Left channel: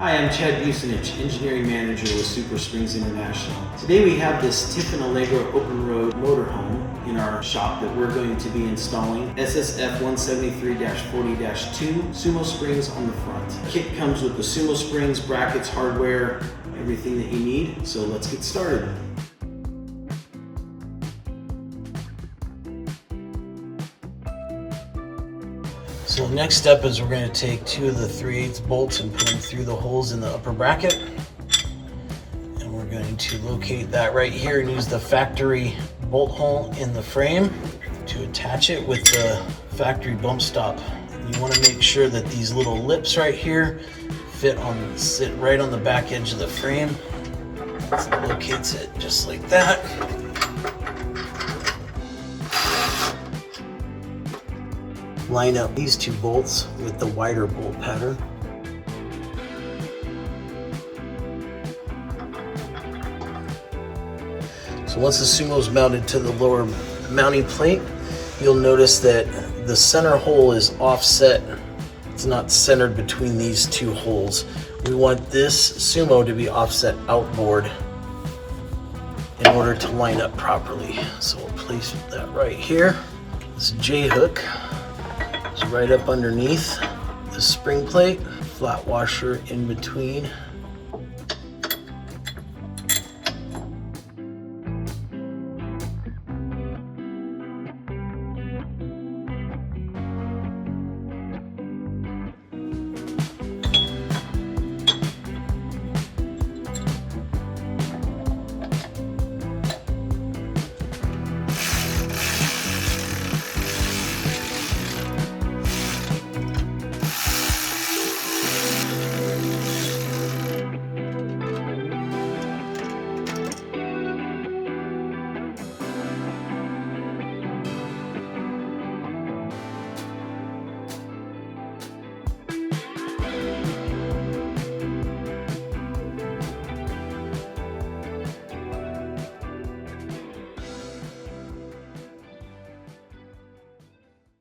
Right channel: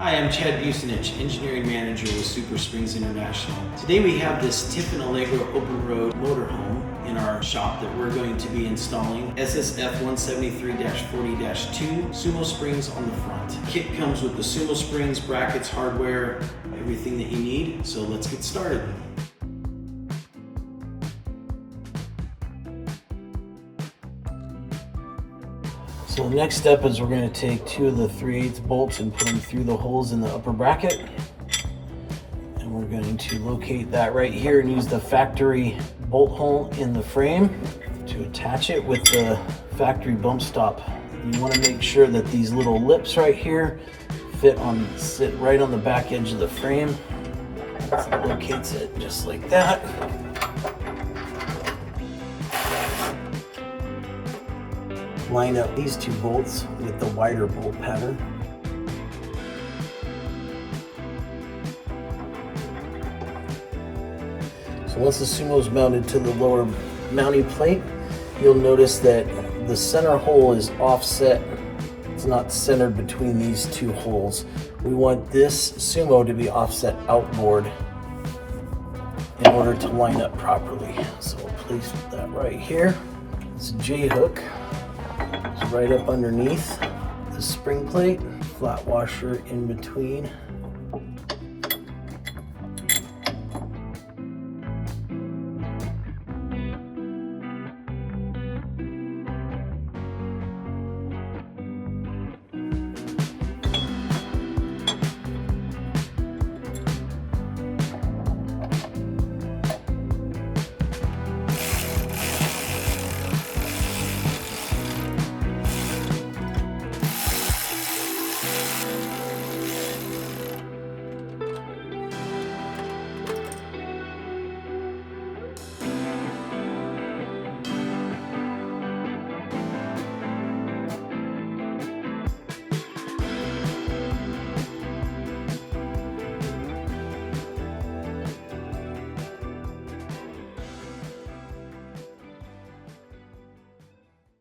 Hi, I'm Chad Busenich, Engineering Manager with SuperSprings International. Today we have this Tiffin Allegro open road motorhome in our shop that we're going to be installing SSF-173-40-2 SumoSprings on the front. Kit comes with the SumoSprings, brackets, hardware, everything that you need, so let's get started. So the next step is we're going to take 2 of the 3/8 bolts and put them through the holes in the upper bracket. And we're going to locate that right here and use the factory bolt hole in the frame to attach it with the factory bump stop. You want to make sure that these little lips right here sit right on the back edge of the frame. So it locates it just like that. Line up these 2 bolts with the wider bolt pattern. So once the Sumo's mounted to the lower mounting plate, you'll notice that the center hole is offset. It's not centered between these 2 holes. We want this Sumo to be offset outboard in order to line up properly. So we'll place that right here. This J-hook is right up underneath the spring plate, flat washer in between.